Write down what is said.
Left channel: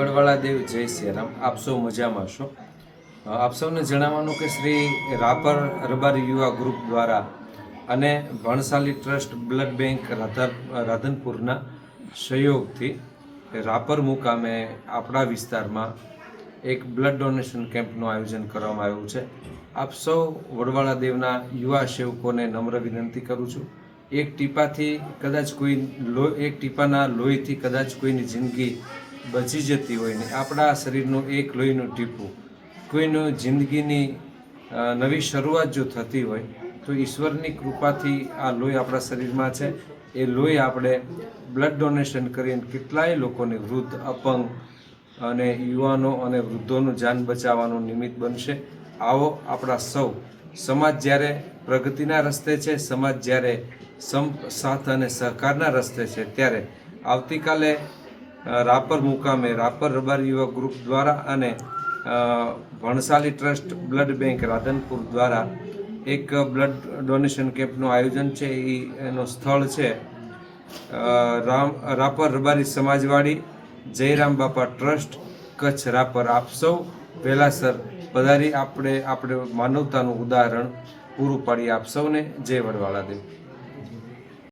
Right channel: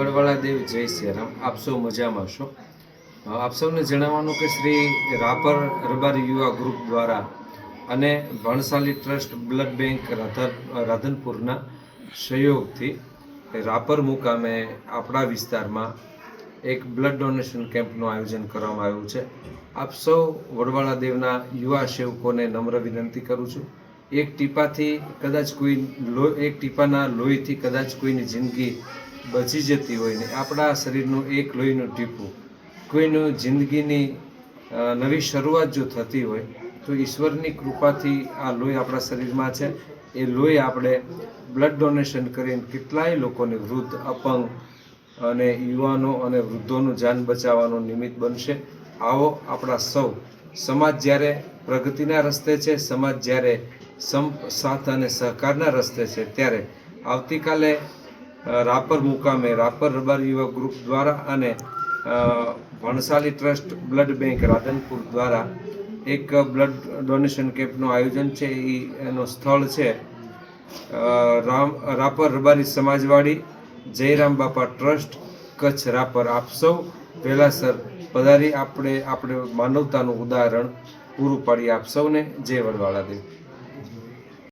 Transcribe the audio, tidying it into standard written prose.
વડવાળા દેવ જય શ્રી રામ. આપ સૌ મજામાં છો? આપ સૌને જણાવવાનું કે શ્રી રાપર રબારી યુવા ગ્રુપ દ્વારા અને ભણસાલી ટ્રસ્ટ બ્લડ બેંક રાધનપુરના સહયોગથી રાપર મુકામે આપણા વિસ્તારમાં એક બ્લડ ડોનેશન કેમ્પનું આયોજન કરવામાં આવ્યું છે. આપ સૌ વડવાળા દેવના યુવા સેવકોને નમ્ર વિનંતી કરું છું. એક ટીપાથી કદાચ એક ટીપાના લોહીથી કદાચ કોઈની જિંદગી બચી જતી હોય ને આપણા શરીરનું એક લોહીનું ટીપું કોઈનું જિંદગીની નવી શરૂઆત જો થતી હોય તો ઈશ્વરની કૃપાથી આ લોહી આપણા શરીરમાં છે. એ લોહી આપણે બ્લડ ડોનેશન કરીને કેટલાય લોકોની વૃદ્ધ, અપંગ અને યુવાનો અને વૃદ્ધોનું જાન બચાવવાનો નિમિત્ત બનશે. આવો આપણા સૌ સમાજ જ્યારે પ્રગતિના રસ્તે છે, સમાજ જ્યારે સાથ અને સહકારના રસ્તે છે, ત્યારે આવતીકાલે રાપર મુકામે રાપર રબારી યુવા ગ્રુપ દ્વારા અને Bhansali trust blood bank Radhanpur દ્વારા એક બ્લડ ડોનેશન કેમ્પનું આયોજન છે. એનું સ્થળ છે રાપર રબારી સમાજવાડી, જયરામ બાપા ટ્રસ્ટ, કચ્છ રાપર. આપ સૌ વહેલાસર પધારી આપણે માનવતાનું ઉદાહરણ પૂરું પાડી. આપ સૌને જય વડવાળા દેવ.